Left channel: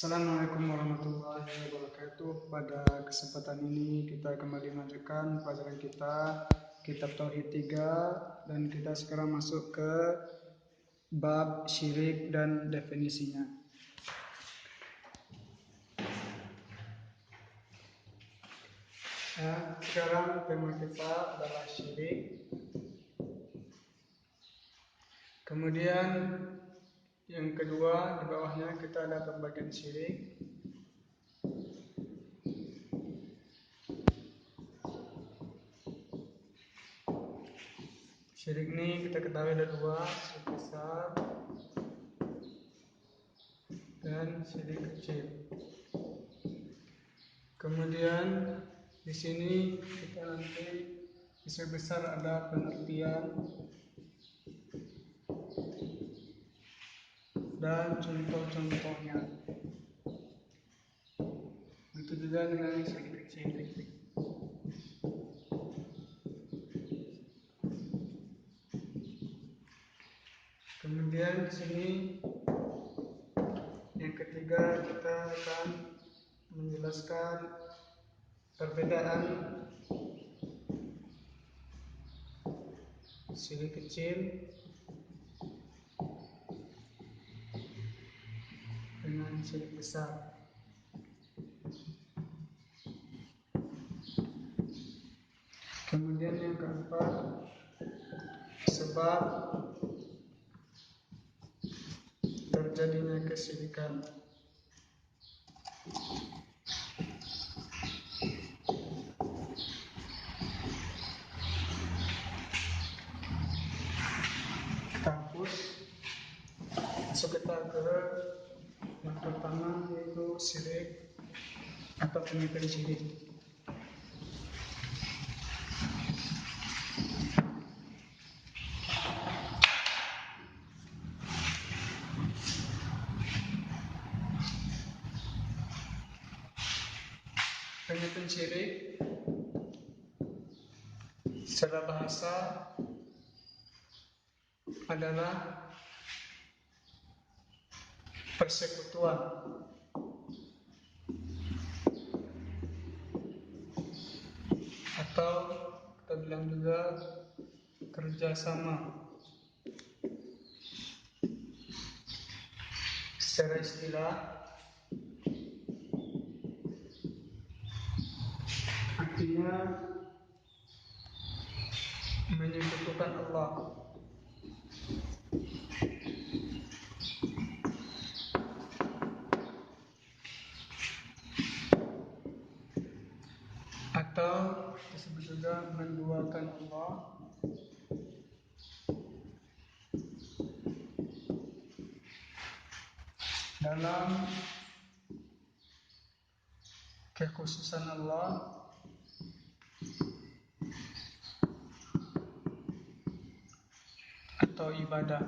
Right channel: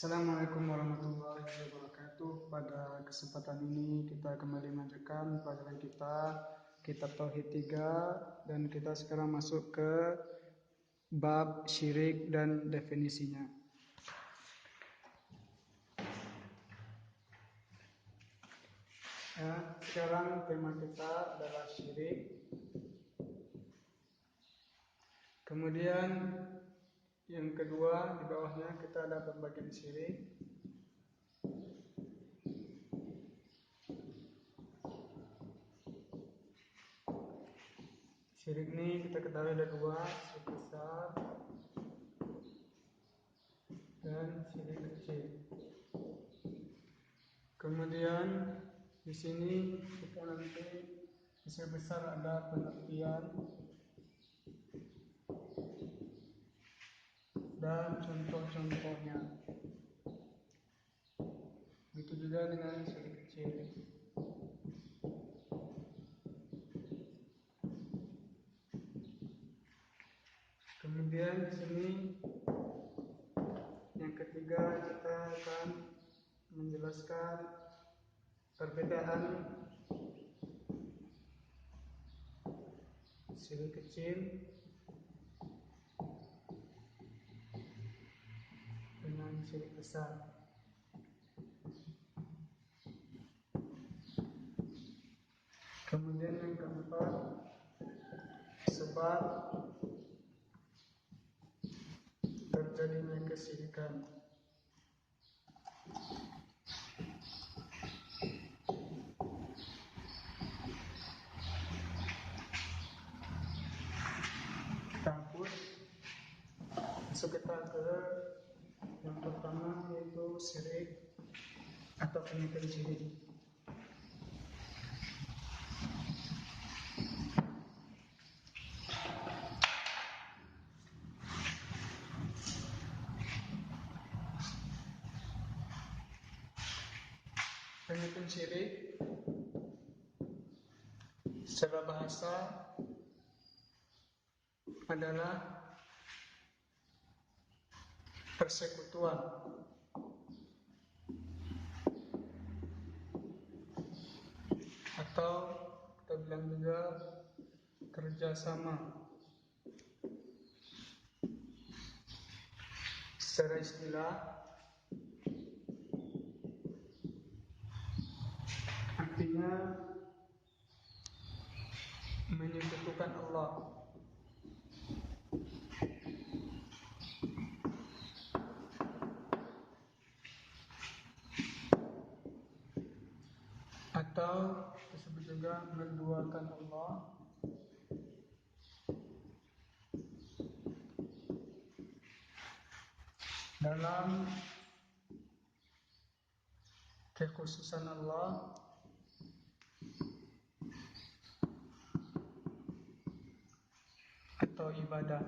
Assalamualaikum warahmatullahi wabarakatuh. Pada kesempatan ini kita kembali melanjutkan pelajaran kita Kitab Tauhid 3 dan kita sekarang masuk ke bab syirik dan definisinya. Sekarang tema kita adalah syirik. Kemudian yang kedua, di bawahnya kita ada pembagian syirik. Syirik ini kita ketahui ada dua, syirik besar dan syirik kecil. Kemudian di sini kita nanti syirik besar ada pengertian dan contoh-contohnya. Begitu juga dengan syirik kecil. Kemudian di sini yang ketiga kita akan menjelaskan perbedaan syirik kecil dengan syirik besar. Kemudian yang keempat, sebab terjadinya kesyirikan. Kita hapus, masuk kita ke yang pertama, yaitu syirik atau pengertian syirik. Pengertian syirik secara bahasa adalah persekutuan atau kita bilang juga kerjasama. Secara istilah artinya menyekutukan Allah atau disebut juga menduakan Allah dalam kekhususan Allah atau ibadah.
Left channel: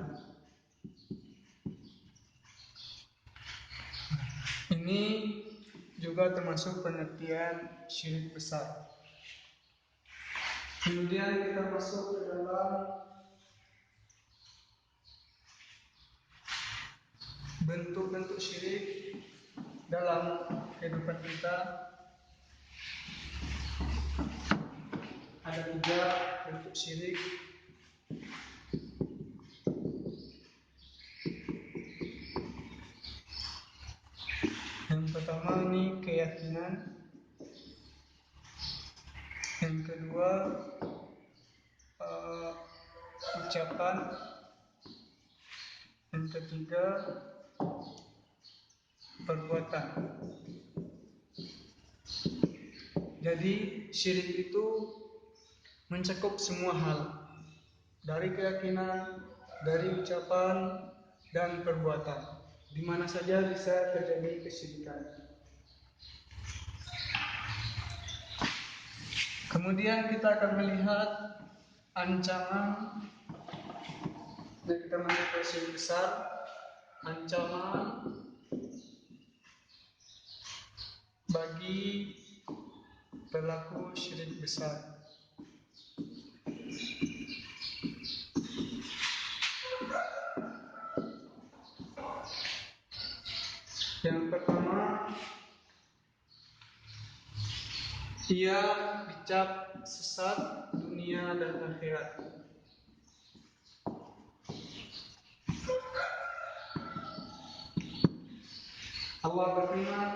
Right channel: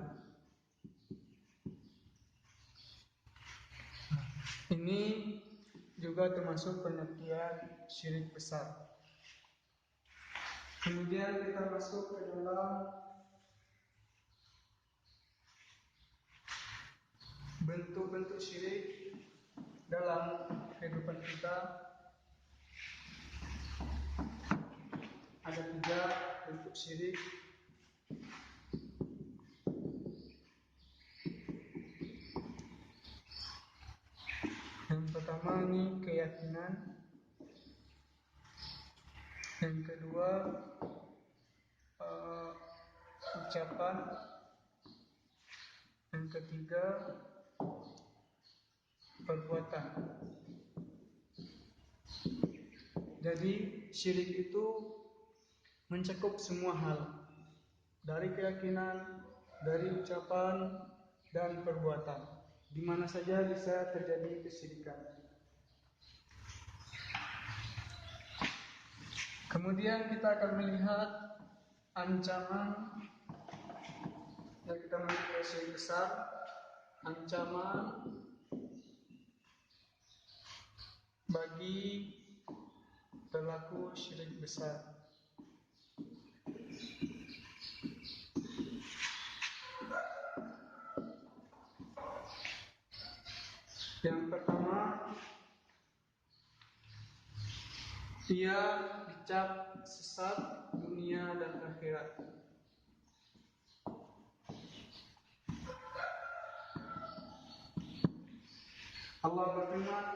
Ini juga termasuk pengertian syirik besar. Kemudian kita masuk ke dalam bentuk-bentuk syirik dalam kehidupan kita. Ada 3 bentuk syirik. Yang pertama ini keyakinan. Yang kedua ucapan. Yang ketiga perbuatan. Jadi syirik itu mencakup semua hal, dari keyakinan, dari ucapan dan perbuatan. Di mana saja bisa terjadi kesyirikan. Kemudian kita akan melihat ancaman yang kita masuk ke syirik besar, ancaman bagi pelaku syirik besar. Yang pertama, ia dicap sesat dunia dan akhirat. Allah berfirman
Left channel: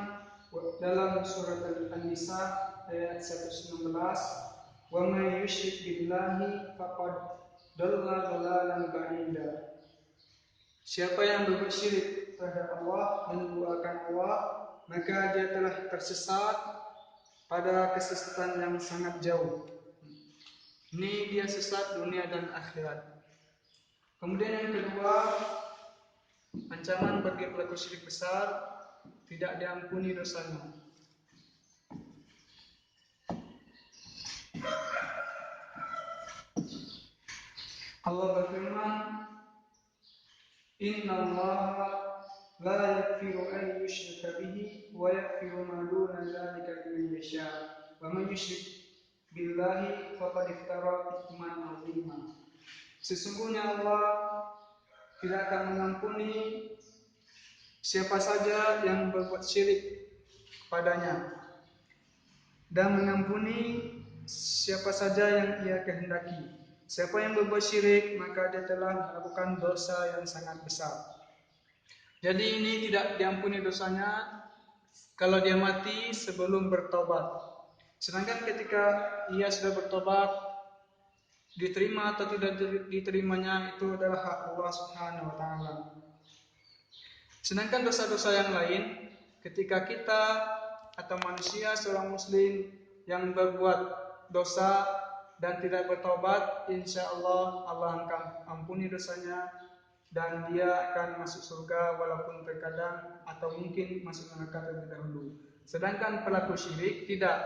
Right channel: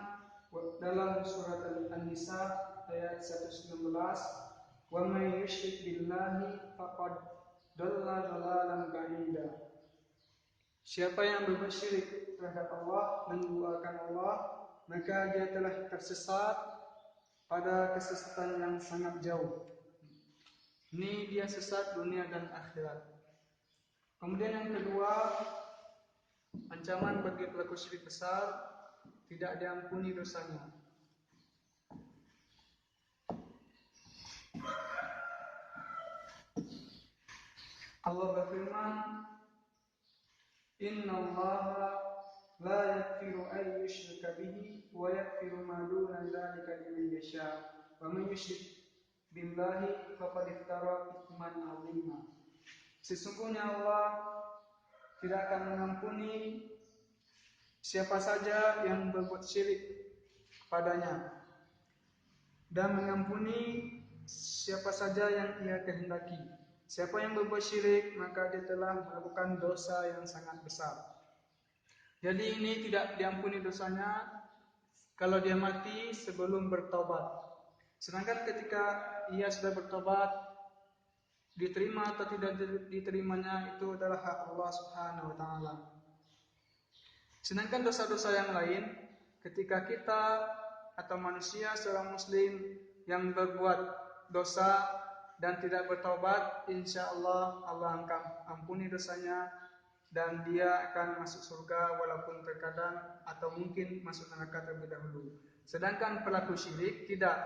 dalam surat An-Nisa ayat 119, "Wa may yusyrik billahi faqad dhalla dhalalan ba'ida." Siapa yang berbuat syirik terhadap Allah, menduakan Allah, maka dia telah tersesat pada kesesatan yang sangat jauh. Ini dia sesat dunia dan akhirat. Kemudian yang kedua, ancaman bagi pelaku syirik besar, tidak diampuni dosanya. Allah berfirman, "Inna Allah la yaghfiru an yushraka bihi wa yaghfiru ma duna dzalika liman yasha. Wa man yusyrik billahi faqad iftara itsman 'azima." Sesungguhnya Allah tidak akan mengampuni siapa saja yang berbuat syirik kepadanya, dan mengampuni siapa saja yang ia kehendaki. Siapa yang berbuat syirik, maka dia telah melakukan dosa yang sangat besar. Jadi ini tidak diampuni dosanya kalau dia mati sebelum bertobat. Sedangkan ketika ia sudah bertobat, diterima atau tidak diterimanya itu adalah hak Allah Subhanahu wa taala. Sedangkan dosa-dosa yang lain, ketika kita atau manusia seorang muslim yang berbuat dosa dan tidak bertobat, insya Allah Allah akan ampuni dosanya dan dia akan masuk surga walaupun terkadang atau mungkin masuk neraka terlebih dahulu. Sedangkan pelaku syirik tidak,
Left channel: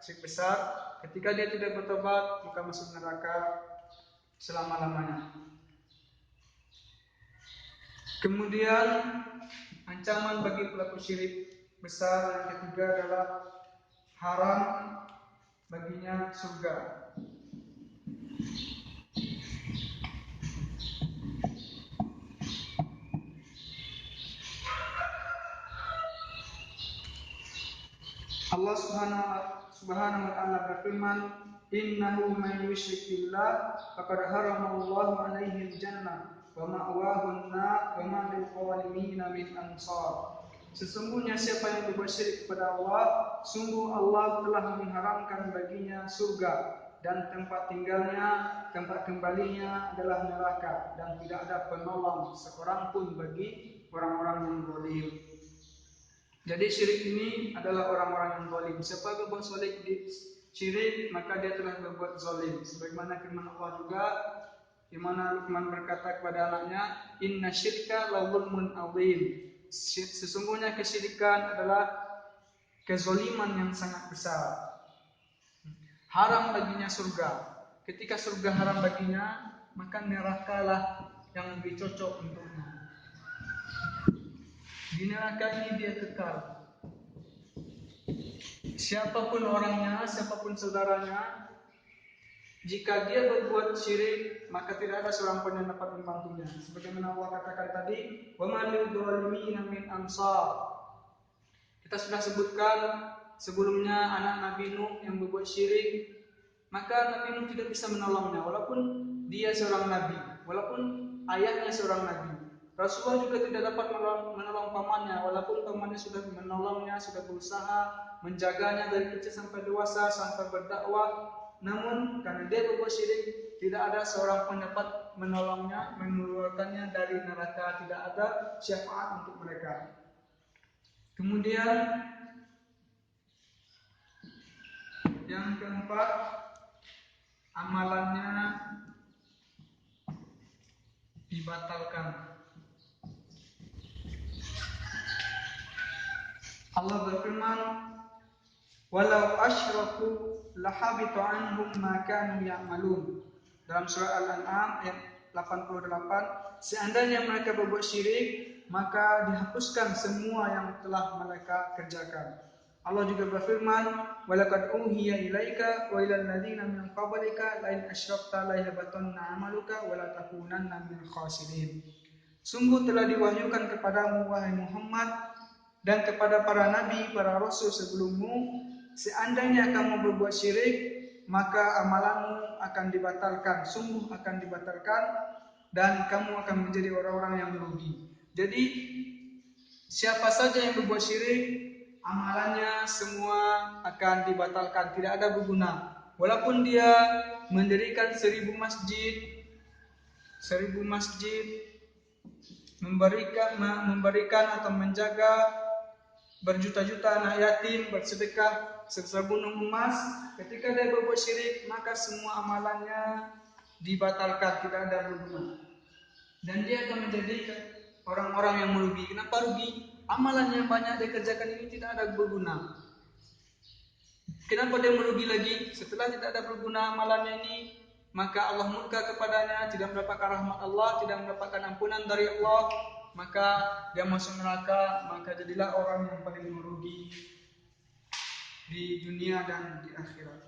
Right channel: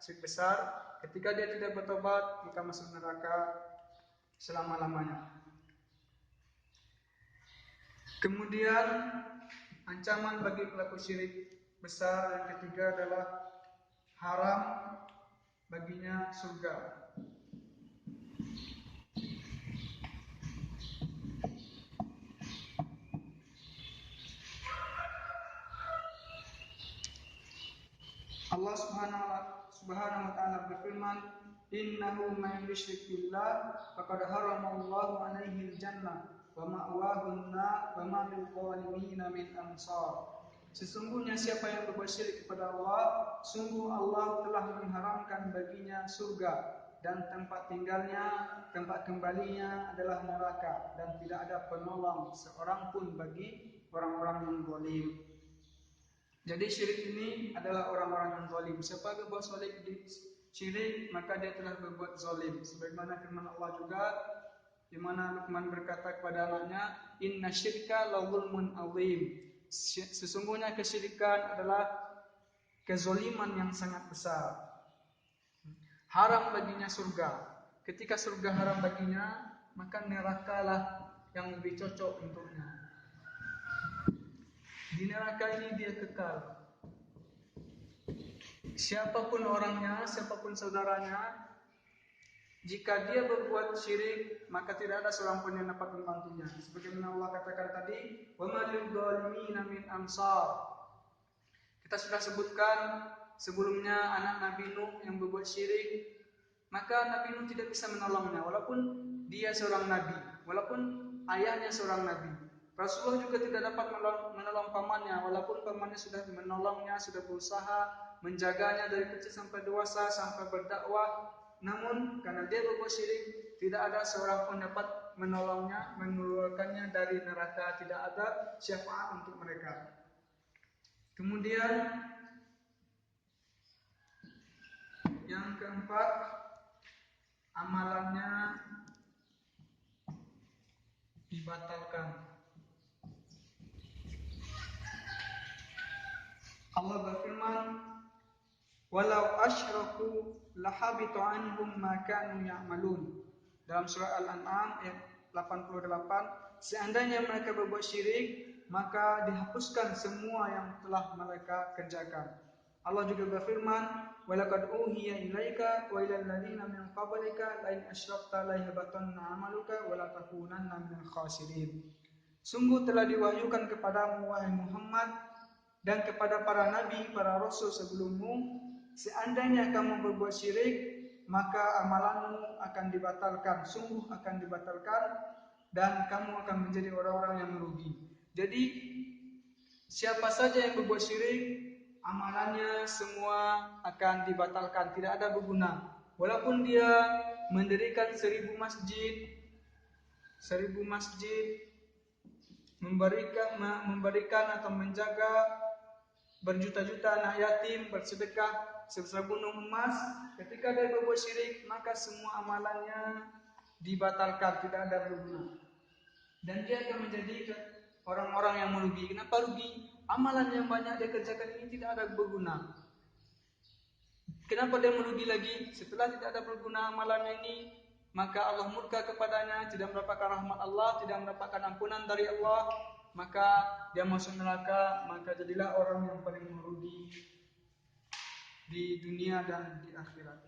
syirik besar, ketika dia tidak bertobat, kita masuk neraka selama-lamanya. Kemudian ancaman bagi pelaku syirik besar yang ketiga adalah haram baginya surga. Allah Subhanahu wa taala berfirman, "Innahu may yusyrik billah faqad haramallahu 'alaihi al-jannah wa ma'wahu an-nar wa ma lil zalimin min ansar." Sesungguhnya siapa yang berbuat syirik kepada Allah, sungguh Allah telah mengharamkan baginya surga dan tempat tinggalnya, tempat kembalinya adalah neraka, dan tidak ada penolong seorang pun bagi orang-orang yang zalim. Jadi syirik ini adalah orang-orang yang zalim. Siapa yang berbuat syirik, maka dia telah berbuat zalim. Sebagaimana firman Allah juga, di mana Luqman berkata kepada anaknya, "Inna syirka la zulmun azim." Sesungguhnya kesyirikan adalah kezaliman yang sangat besar. Haram baginya surga. Ketika surga haram baginya, maka nerakalah yang lebih cocok untuknya. Di neraka ini dia kekal. Siapapun orangnya, siapapun saudaranya, jika dia berbuat syirik, maka tidak ada seorang pun yang dapat membantunya. Sebagaimana Allah katakan tadi, "Wa ma lil zalimin min ansar." Kita sudah sebutkan sebelumnya anak Nabi Nuh yang berbuat syirik, maka Nabi Nuh tidak bisa menolongnya walaupun dia seorang nabi, walaupun ayahnya seorang nabi. Rasulullah juga tidak dapat menolong pamannya walaupun pamannya sudah menolongnya, sudah berusaha menjaganya dari kecil sampai dewasa, sampai berdakwah. Namun karena dia berbuat syirik, tidak ada seorang pun dapat menolongnya, mengeluarkannya dari neraka, tidak ada syafaat untuk mereka. Kemudian yang keempat, amalannya dibatalkan. Allah berfirman, "Walau asyraku lahabita anhum ma kanu ya'malun." Dalam surah Al-An'am ayat 88, seandainya mereka berbuat syirik, maka dihapuskan semua yang telah mereka kerjakan. Allah juga berfirman, "Walaqad uhiya ilaika wa ilal ladzina min qablika la in asyrakta la yahbatanna 'amaluka wa la takunanna minal khasirin." Sungguh telah diwahyukan kepadamu wahai Muhammad dan kepada para nabi, para rasul sebelummu, seandainya kamu berbuat syirik, maka amalanmu akan dibatalkan, sungguh akan dibatalkan, dan kamu akan menjadi orang-orang yang merugi. Jadi siapa saja yang berbuat syirik, amalannya semua akan dibatalkan, tidak ada berguna. Walaupun dia mendirikan 1000 masjid, memberikan atau menjaga berjuta-juta anak yatim, bersedekah sebesar gunung emas, ketika dia berbuat syirik, maka semua amalannya dibatalkan, tidak ada berguna. Dan dia akan menjadi orang-orang yang merugi. Kenapa rugi? Amalan yang banyak dia kerjakan ini tidak ada berguna. Kenapa dia merugi lagi? Setelah tidak ada berguna amalannya ini, maka Allah murka kepadanya, tidak mendapatkan rahmat Allah, tidak mendapatkan ampunan dari Allah, maka dia masuk neraka. Maka jadilah orang yang paling merugi di dunia dan di akhirat.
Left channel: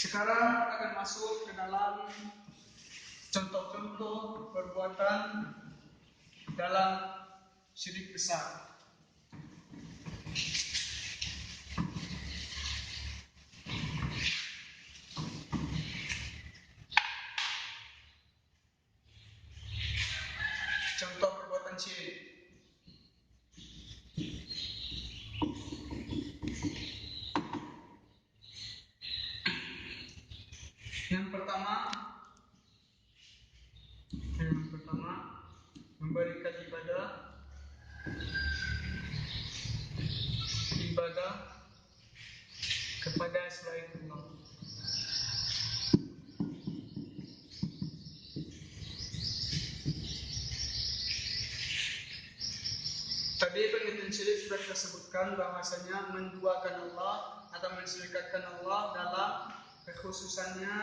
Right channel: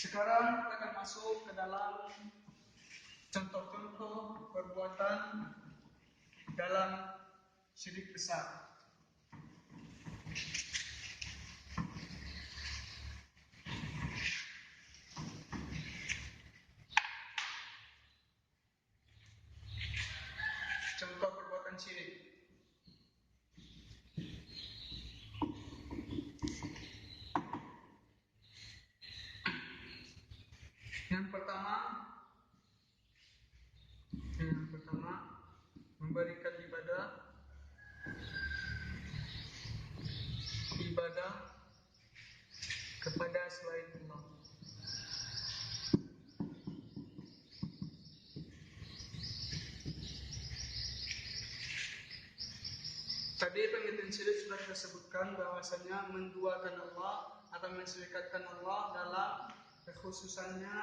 Sekarang kita akan masuk ke dalam contoh-contoh perbuatan dalam syirik besar. Contoh perbuatan syirik. Yang pertama, memberikan ibadah kepada selain Allah. Tadi pengertian syirik sudah kita sebutkan bahwasanya menduakan Allah atau mensyirikatkan Allah dalam kekhususannya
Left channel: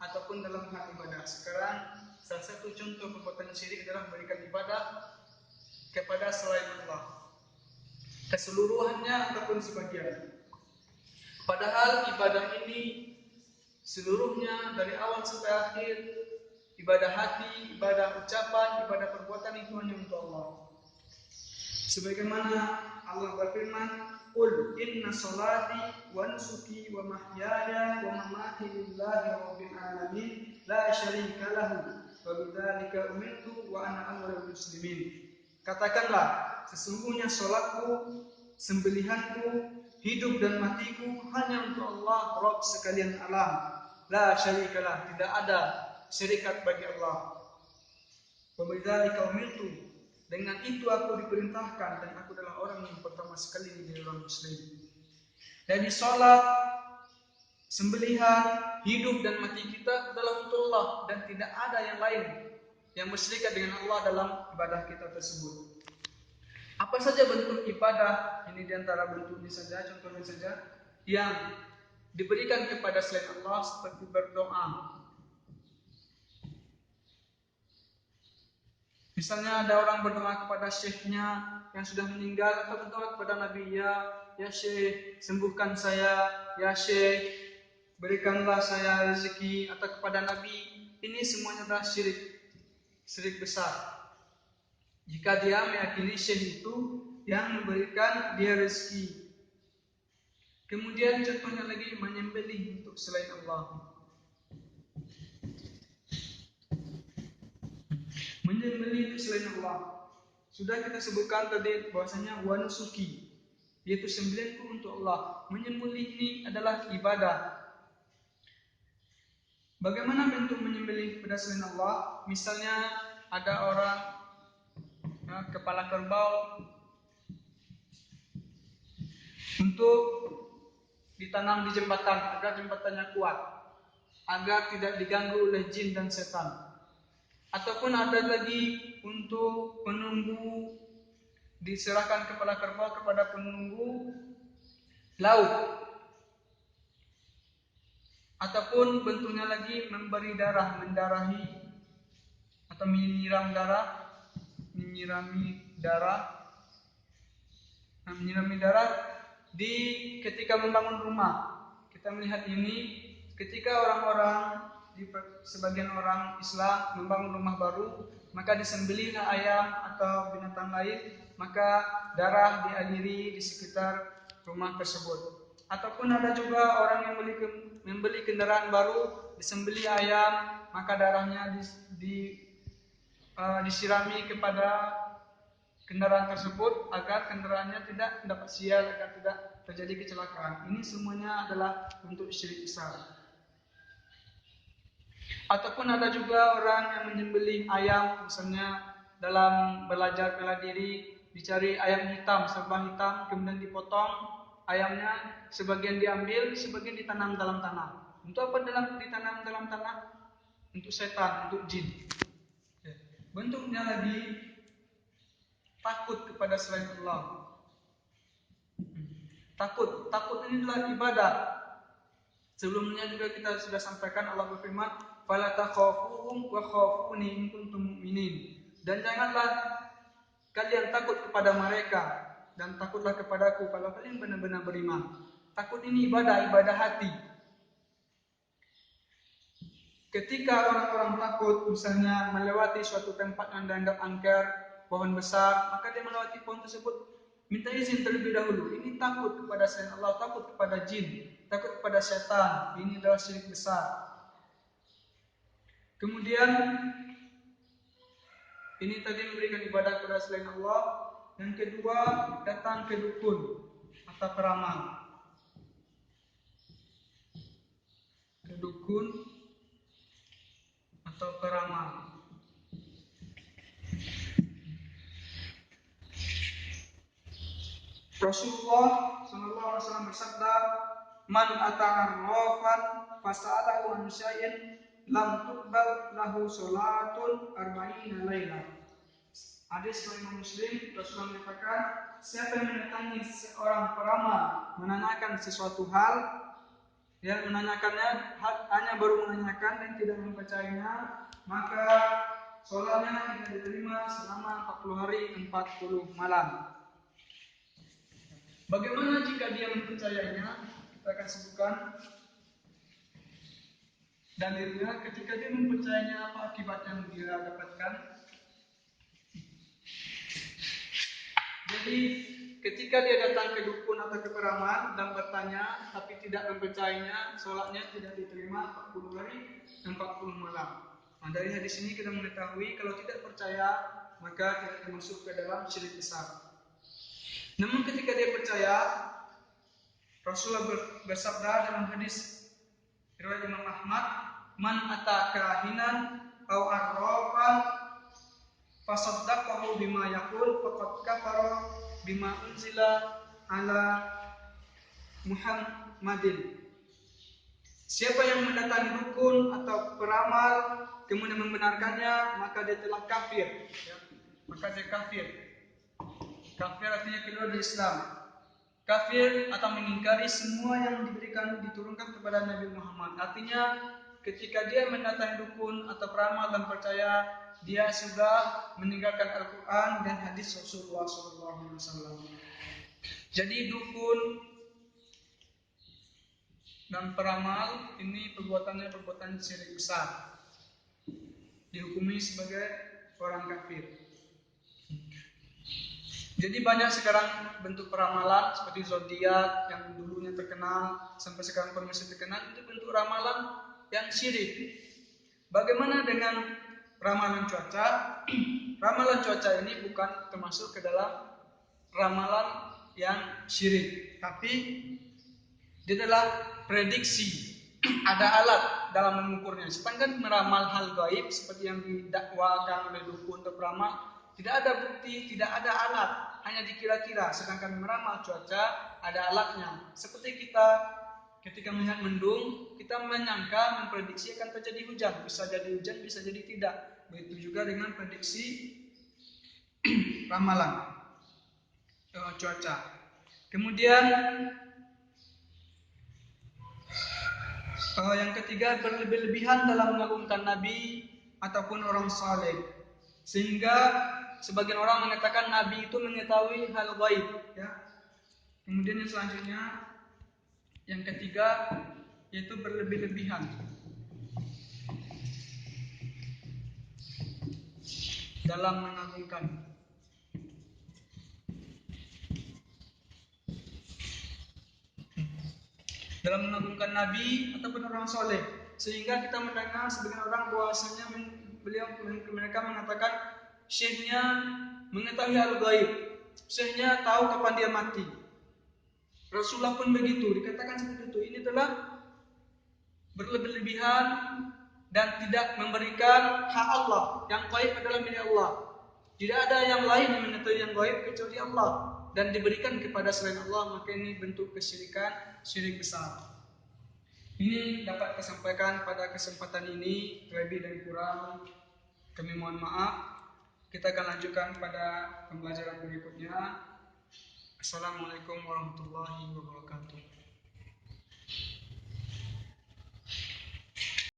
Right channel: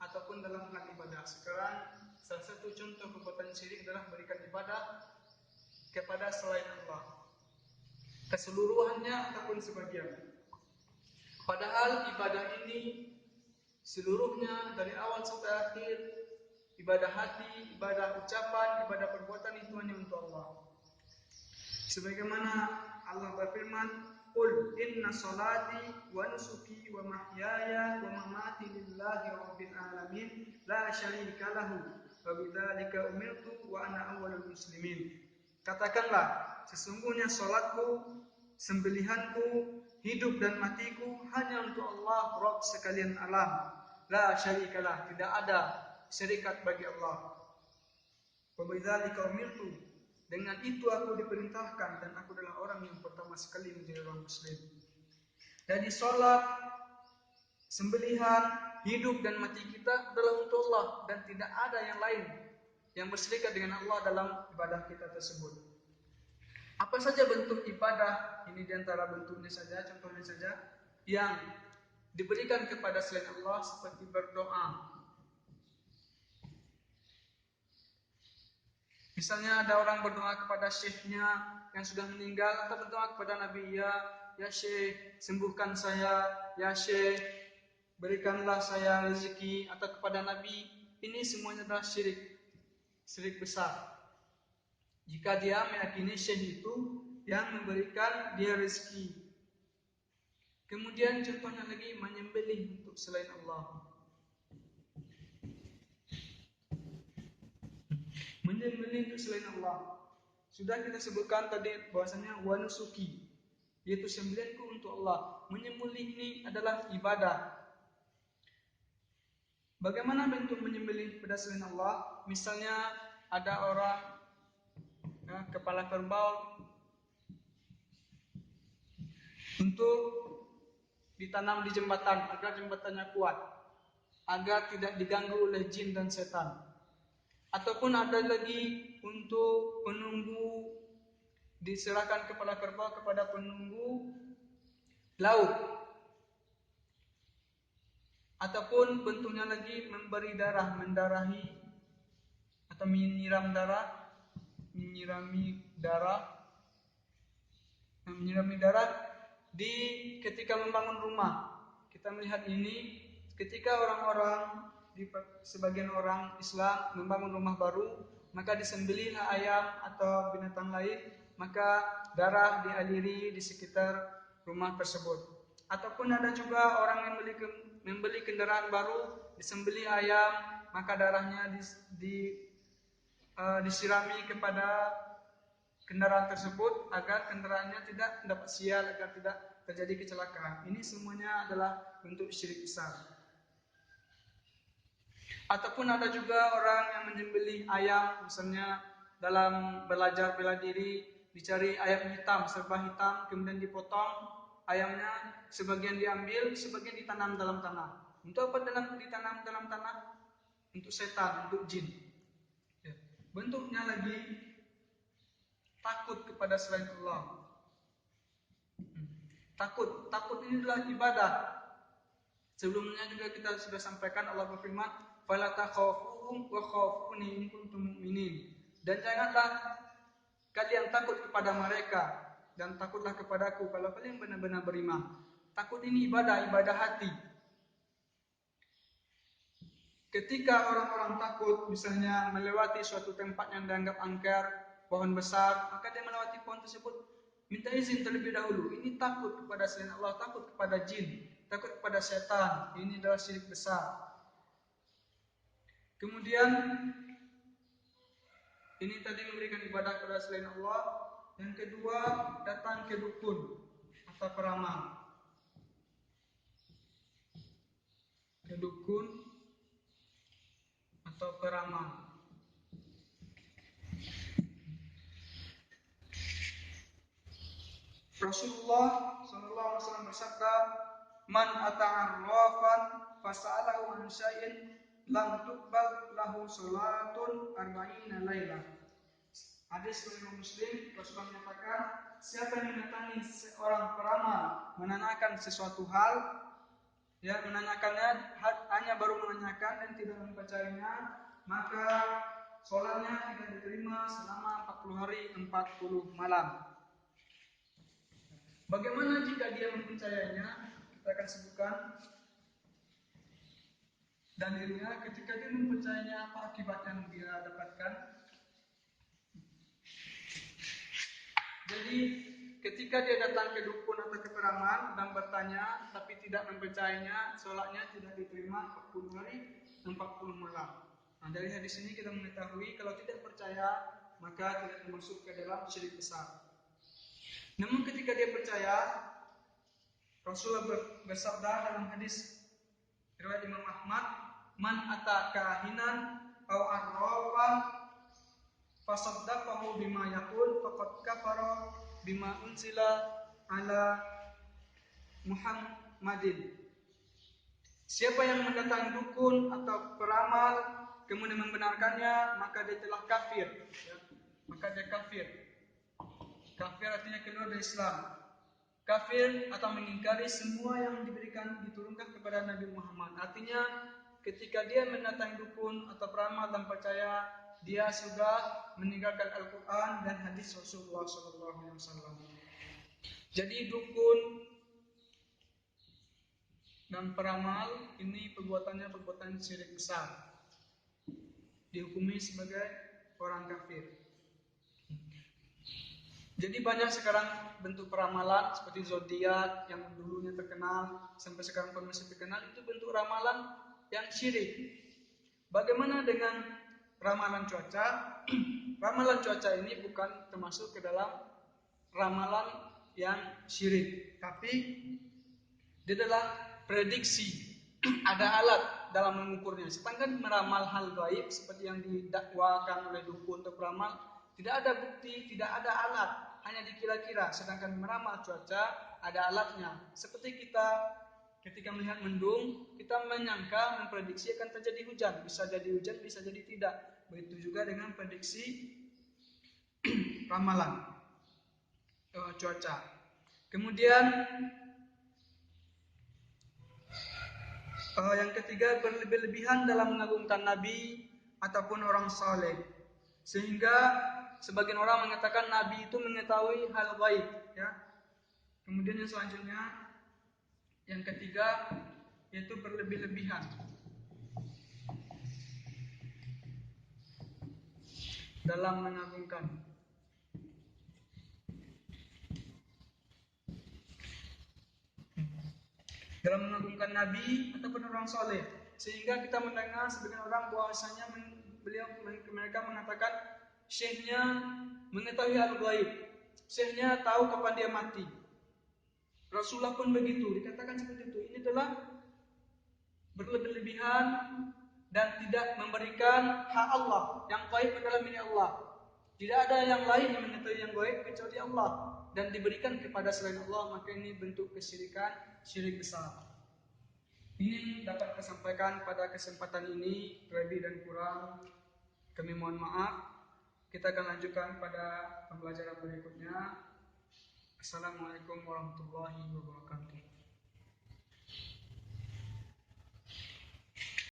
ataupun dalam hal ibadah. Sekarang salah satu contoh perbuatan syirik adalah memberikan ibadah kepada selain Allah, keseluruhannya ataupun sebagian. Padahal ibadah ini seluruhnya dari awal sampai akhir, ibadah hati, ibadah ucapan, ibadah perbuatan itu hanya untuk Allah. Sebagaimana Allah berfirman, "Qul inna sholati wa nusuki wa mahyaya wa mamati lillahi rabbil alamin, la syarika lahu, wa bidzalika umirtu wa ana awwalul muslimin." Katakanlah, sesungguhnya salatku, sembelihanku, hidup dan matiku hanya untuk Allah, Rabb sekalian alam. La syarikalah, tidak ada syarikat bagi Allah. Wa bidzalika umirtu, dengan itu aku diperintahkan dan aku adalah orang yang pertama sekali menjadi orang muslim. Jadi salat, sembelihan, hidup dan mati kita adalah untuk Allah dan tidak ada yang lain yang berserikat dengan Allah dalam ibadah kita tersebut. Apa saja bentuk ibadah, ini diantara bentuknya saja, contohnya saja, yang diberikan kepada selain Allah seperti berdoa. Misalnya ada orang berdoa kepada syekhnya yang sudah meninggal, atau berdoa kepada Nabi, ya syekh sembuhkan saya, ya syekh berikanlah saya rezeki, atau kepada Nabi. Ini semuanya adalah syirik besar. Jika dia meyakini syekh itu yang memberikan dia rezeki. Kemudian contohnya lagi menyembelih untuk selain Allah. Menyembelih selain Allah. Sudah kita sebutkan tadi bahwasanya wanusuki, yaitu sembelihanku untuk Allah. Menyembelih ini adalah ibadah. Bagaimana bentuk menyembelih kepada selain Allah? Misalnya ada orang kepala kerbau untuk ditanam di jembatan agar jembatannya kuat, agar tidak diganggu oleh jin dan setan. Ataupun ada lagi untuk penunggu, diserahkan kepala kerbau kepada penunggu laut. Ataupun bentuknya lagi memberi darah, mendarahi atau menyirami darah di ketika membangun rumah. Kita melihat ini ketika orang-orang, sebagian orang Islam membangun rumah baru, maka disembelihlah ayam atau binatang lain, maka darah dialiri di sekitar rumah tersebut. Ataupun ada juga orang yang membeli kendaraan baru, disembelih ayam, maka darahnya disirami kepada kendaraan tersebut agar kendaraannya tidak dapat sial, agar tidak terjadi kecelakaan. Ini semuanya adalah bentuk syirik besar. Ataupun ada juga orang yang menyembelih ayam, misalnya dalam belajar bela diri, dicari ayam hitam, serba hitam, kemudian dipotong ayamnya, sebagian diambil, sebagian ditanam dalam tanah. Untuk apa ditanam dalam tanah? Untuk setan, untuk jin. Bentuknya lagi takut kepada selain Allah. Takut ini adalah ibadah. Sebelumnya juga kita sudah sampaikan, Allah berfirman, "Fala takhafuhum wa khafuni in kuntum mu'minin." Dan janganlah kalian takut kepada mereka, dan takutlah kepadaku kalau kalian benar-benar beriman. Takut ini ibadah hati. Ketika orang-orang takut, misalnya melewati suatu tempat yang dianggap angker, pohon besar, maka dia melewati pohon tersebut, minta izin terlebih dahulu. Ini takut kepada selain Allah, takut kepada jin, takut kepada setan. Ini adalah syirik besar. Kemudian ini tadi memberikan ibadah kepada selain Allah. Yang kedua, datang ke dukun atau peramal. Ke dukun atau peramal. Rasulullah SAW bersabda, "Man ata'arrafan fasa'alahu an syai'in lam tuqbal lahu salatun arba'ina lailah." Hadis riwayat Muslim, Rasulullah mengatakan, siapa yang mendatangi seorang peramal menanyakan sesuatu hal, dia menanyakannya hanya baru menanyakan dan tidak mempercayainya, maka sholatnya tidak diterima selama 40 hari 40 malam. Bagaimana jika dia mempercayainya? Kita akan sebutkan dalilnya. Ketika dia mempercayainya, apa akibat yang dia dapatkan? Jadi ketika dia datang ke dukun atau ke peramal dan bertanya tapi tidak mempercayainya, sholatnya tidak diterima 40 hari 40 malam. Nah, dari hadis ini kita mengetahui kalau tidak percaya maka tidak termasuk ke dalam syirik besar. Namun ketika dia percaya, Rasulullah bersabda dalam hadis riwayat Imam Ahmad, "Man ata kahinan aw arrafan fasaddaqahu bima yaqul faqad kafara bima unzila ala Muhammadin." Siapa yang mendatangi dukun atau peramal kemudian membenarkannya, maka dia telah kafir. Maka dia kafir. Kafir artinya keluar dari Islam. Kafir atau mengingkari semua yang diturunkan kepada Nabi Muhammad. Artinya ketika dia mendatangi dukun atau peramal dan percaya, dia sudah meninggalkan Al-Quran dan hadis Rasulullah SAW. Jadi dukun dan peramal ini perbuatannya perbuatan syirik besar, dihukumi sebagai orang kafir. Jadi banyak sekarang bentuk peramalan seperti zodiak yang dulunya terkenal sampai sekarang pun masih terkenal, itu bentuk ramalan yang syirik. Bagaimana dengan ramalan cuaca? Ramalan cuaca ini bukan termasuk ke dalam ramalan yang syirik, tapi dia adalah prediksi. Ada alat dalam mengukurnya. Sepanjang meramal hal gaib seperti yang didakwakan oleh dukun atau peramal, tidak ada bukti, tidak ada alat, hanya dikira-kira. Sedangkan meramal cuaca ada alatnya. Seperti kita ketika melihat mendung, kita menyangka, memprediksi akan terjadi hujan. Bisa jadi hujan, bisa jadi tidak. Begitu juga dengan prediksi ramalan cuaca. Kemudian yang ketiga, berlebih-lebihan dalam mengagungkan Nabi ataupun orang saleh. Sehingga sebagian orang mengatakan Nabi itu mengetahui hal gaib, ya. Kemudian yang selanjutnya, yang ketiga, yaitu berlebih-lebihan. dalam mengagungkan Nabi ataupun orang soleh, sehingga kita mendengar sebagian orang bahwasanya mereka mengatakan syekhnya mengetahui al-ghaib, syekhnya tahu kapan dia mati. Rasulullah pun begitu, dikatakan seperti itu. Ini telah berlebihan dan tidak memberikan hak Allah. Yang gaib adalah milik Allah. Tidak ada yang lain yang mengetahui yang gaib kecuali Allah, dan diberikan kepada selain Allah, maka ini bentuk kesyirikan, syirik besar. Ini dapat saya sampaikan pada kesempatan ini, lebih dan kurang kami mohon maaf. Kita akan lanjutkan pada pembelajaran berikutnya. Assalamualaikum warahmatullahi wabarakatuh.